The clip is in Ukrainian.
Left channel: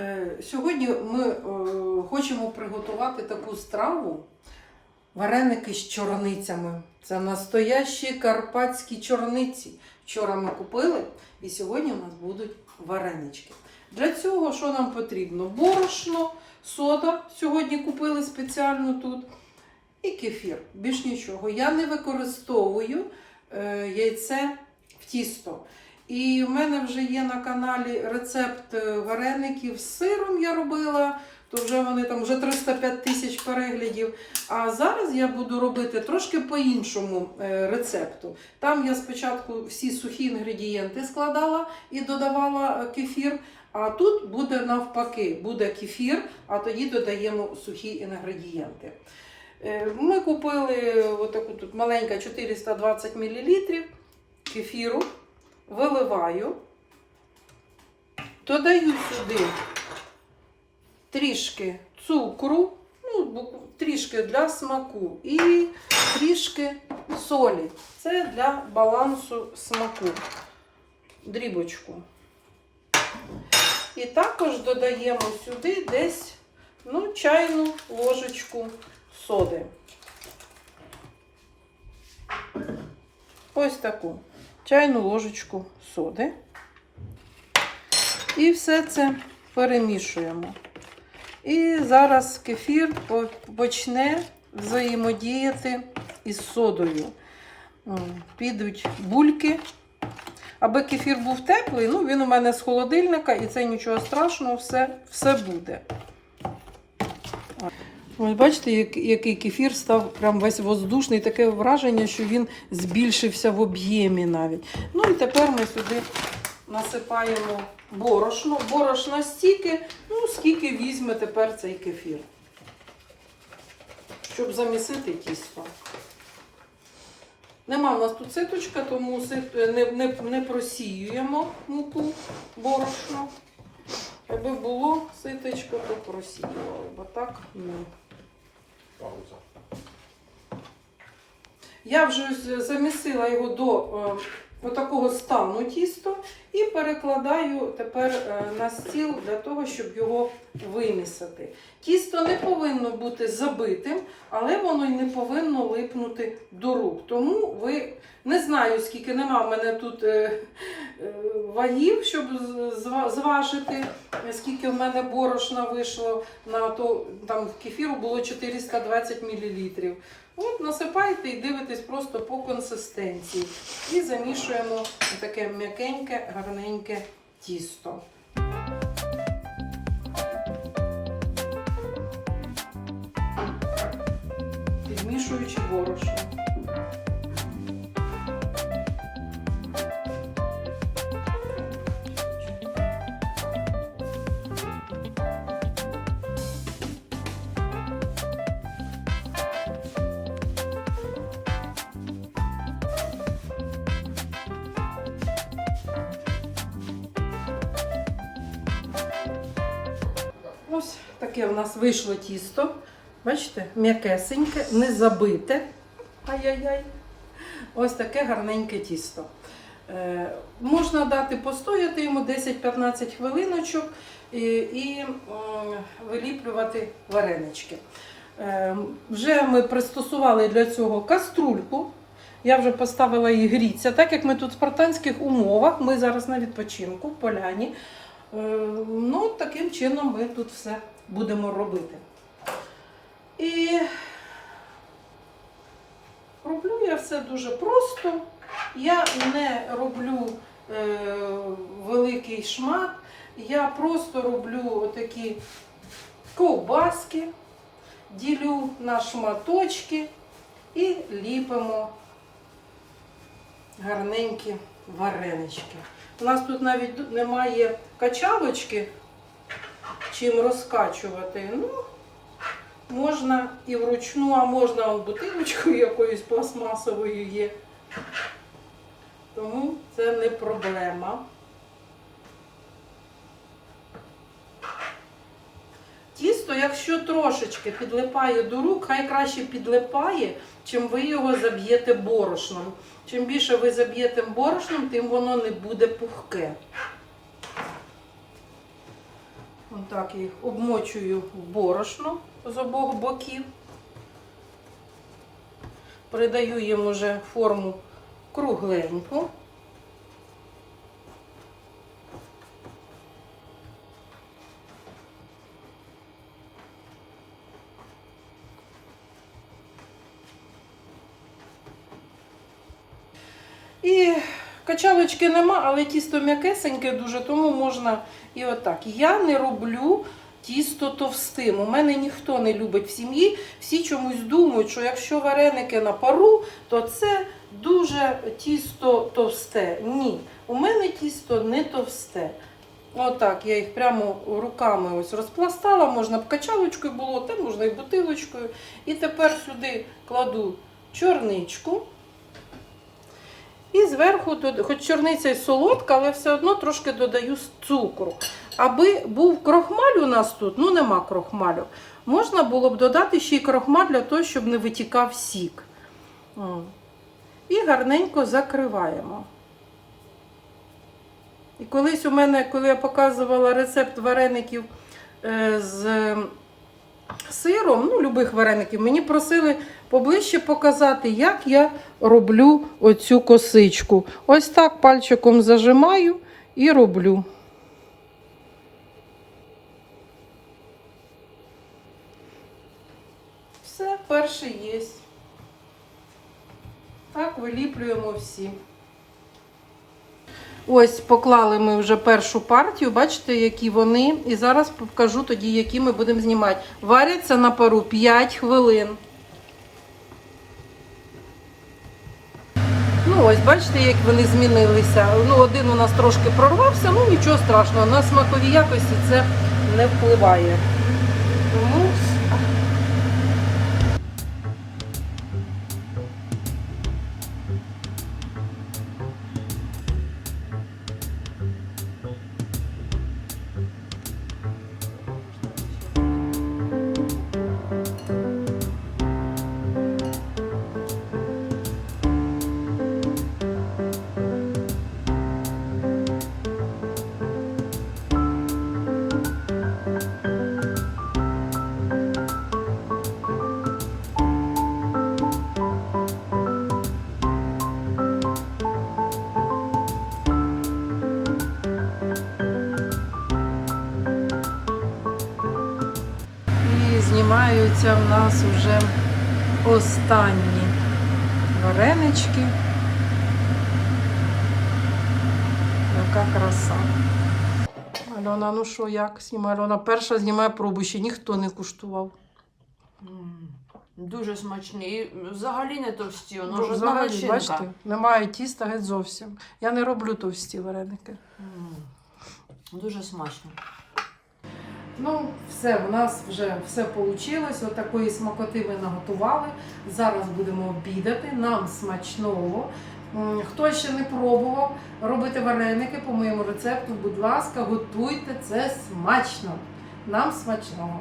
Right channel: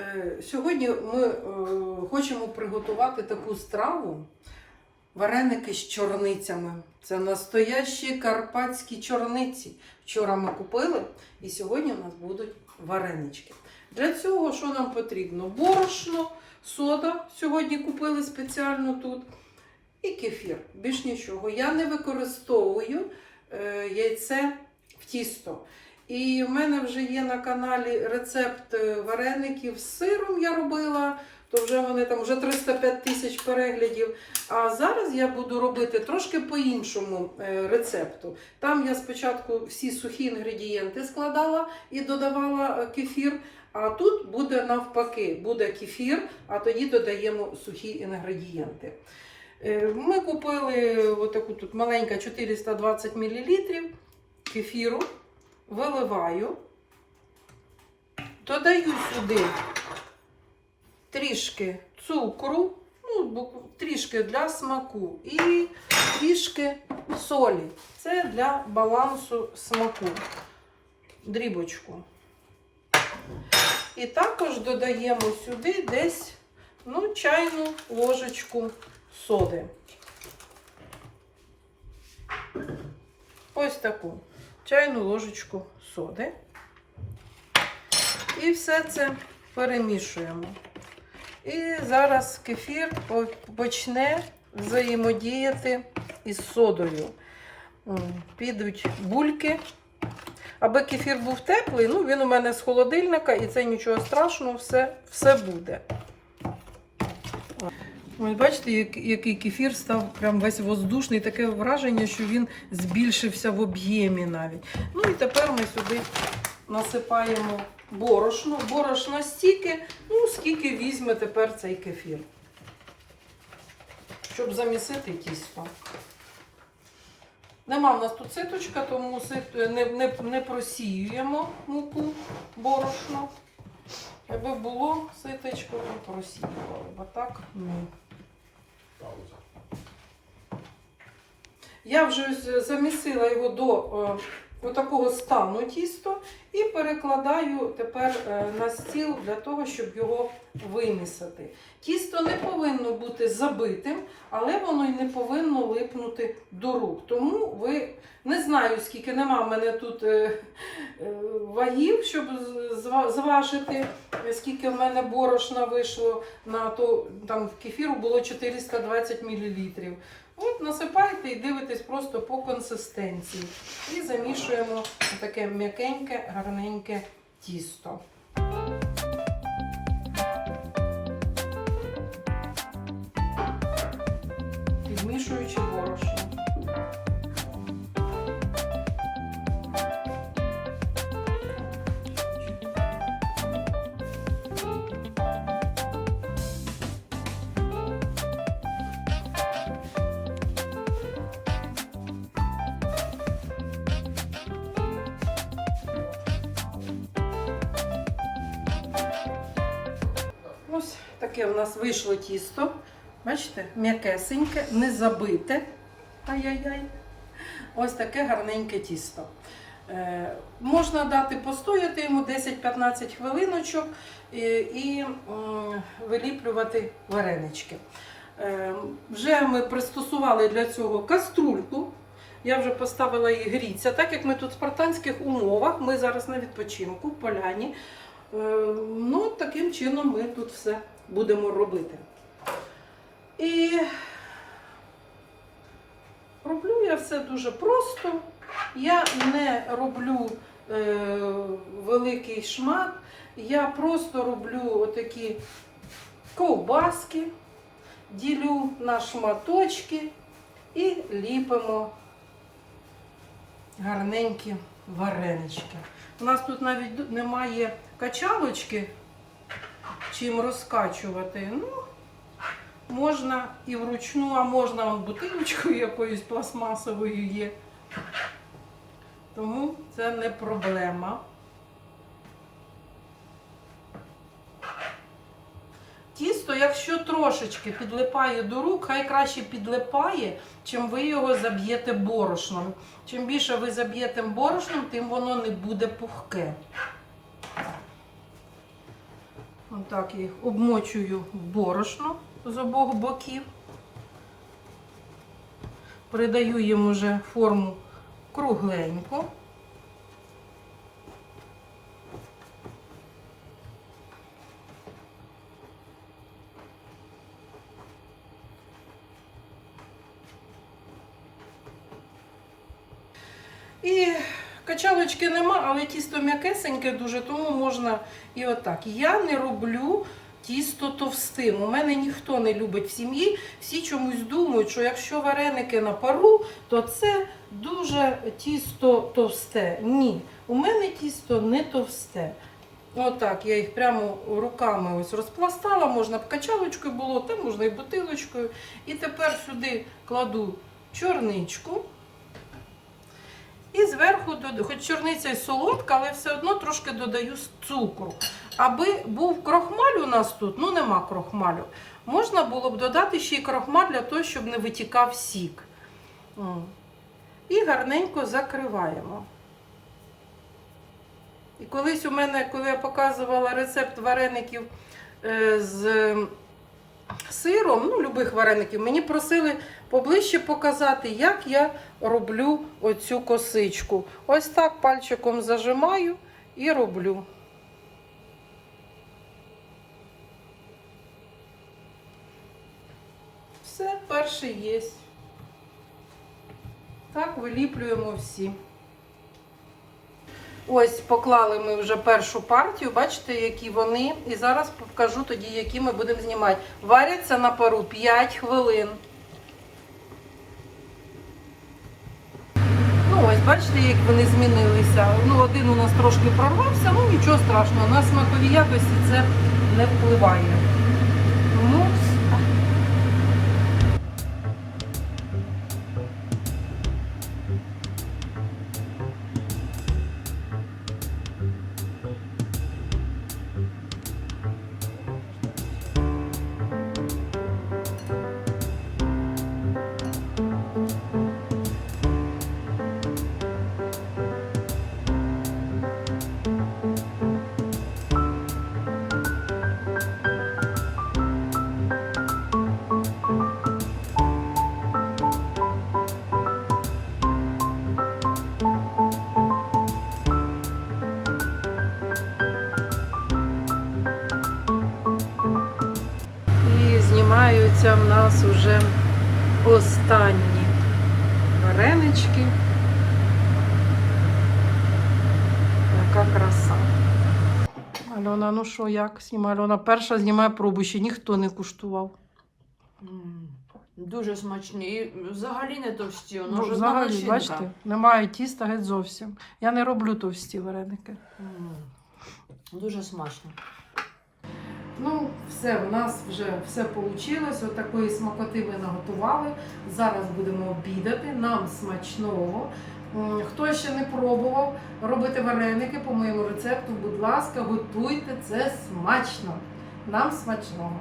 Е, Сьогодні ми е, хочемо приготувати таку страву вареники з чорницями. Це настоящі карпатські чорниці. Вчора ми купили і сьогодні у нас будуть варенички. Для цього що нам потрібно? Борошно, сода сьогодні купили спеціально тут. І кефір. Більш нічого. Я не використовую е, яйце в тісто. І в мене вже є на каналі рецепт е, вареників з сиром я робила, то вже вони там вже 305 тисяч переглядів. А зараз я буду робити трошки по-іншому е, рецепту. Там я спочатку всі сухі інгредієнти складала і додавала е, кефір. А тут буде навпаки, буде кефір, а тоді додаємо сухі інгредієнти. Ми купили отаку тут маленька 420 мл кефіру виливаю, додаю сюди трішки цукру, ну, трішки для смаку і трішки солі. Це для балансу смаку. Дрібочку. І також додаємо сюди десь ну, чайну ложечку соди. Ось таку чайну ложечку соди. І все це перемішуємо. І зараз кефір почне взаємодіяти із содою. Підуть бульки. Аби кефір був теплий, ну він у мене з холодильника, і це нічого страшного, все, все буде. Ось бачите, як- який кефір став прям весь воздушний, таке враження, що він збільшився в об'ємі навіть. Ну і тепер ми сюди насипаємо борошно. Борошна стільки, ну скільки візьме тепер цей кефір, щоб замісити тісто. Нема в нас тут ситочка, тому не, не, не просіюємо муку борошно. Якби було ситочко, то просіювали, бо так ні. Пауза. Я вже замісила його до е, такого стану тісто і перекладаю тепер е, на стіл для того, щоб його вимісити. Тісто не повинно бути забитим, але воно й не повинно липнути до рук. Тому ви не знаю, скільки нема в мене тут е, вагів, щоб зважити, е, скільки в мене борошна вийшло на то, там кефіру було 420 мл. От насипаєте і дивитесь просто по консистенції. І замішуємо таке м'якеньке, гарненьке тісто. Ось таке в нас вийшло тісто. Бачите, м'якесеньке, не забите. Ай-яй-яй. Ось таке гарненьке тісто. Е, можна дати постояти йому 10-15 хвилиночок і, і м, виліплювати варенички. Е, вже ми пристосували для цього каструльку. Я вже поставила її гріться. Так як ми тут в спартанських умовах, ми зараз на відпочинку в поляні. Е, Ну, таким чином ми тут все будемо робити. І роблю я все дуже просто. Я не роблю е, великий шмат, я просто роблю отакі ковбаски, ділю на шматочки і ліпимо гарненькі варенички. У нас тут навіть немає качалочки, чим розкачувати. Ну, можна і вручну, а можна бутилочкою якоюсь пластмасовою є. Тому це не проблема. Тісто, якщо трошечки підлипає до рук, хай краще підлипає, чим ви його заб'єте борошном. Чим більше ви заб'єте борошном, тим воно не буде пухке. Отак їх обмочую в борошно з обох боків. Придаю їм уже форму кругленьку. І качалочки нема, але тісто м'якесеньке дуже, тому можна і отак. Я не роблю тісто товстим. У мене ніхто не любить в сім'ї. Всі чомусь думають, що якщо вареники на пару, то це дуже тісто товсте. Ні, у мене тісто не товсте. Отак, я їх прямо руками ось розпластала, можна б качалочкою було, та можна і бутилочкою. І тепер сюди кладу чорничку. І зверху, хоч чорниця й солодка, але все одно трошки додаю цукру. Аби був крохмаль у нас тут, ну нема крохмалю, можна було б додати ще й крохмаль для того, щоб не витікав сік. І гарненько закриваємо. І колись у мене, коли я показувала рецепт вареників е, з сиром, ну, любих вареників, мені просили поближче показати, як я роблю оцю косичку. Ось так пальчиком зажимаю і роблю. Все, перший є. Так, виліплюємо всі. Ось поклали ми вже першу партію, бачите, які вони. І зараз покажу тоді, які ми будемо знімати. Варяться на пару 5 хвилин. Ну, ось бачите, як вони змінилися. Ну, один у нас трошки прорвався, ну нічого страшного. На смакові якості це не впливає. Знімаються в нас вже останні варенички. Яка краса. Альона, ну що, як знімає? Альона перша знімає пробу, ще ніхто не куштував. Дуже смачні. І взагалі не товсті. Воно Ну, ж взагалі, начинка. бачите, немає тіста геть зовсім. Я не роблю товсті вареники. М, Дуже смачно. Ну, все, в нас вже все вийшло. От такої смакоти ми наготували. Зараз будемо обідати. Нам смачного. Хто ще не пробував робити вареники по моєму рецепту, будь ласка, готуйте це смачно. Нам смачного.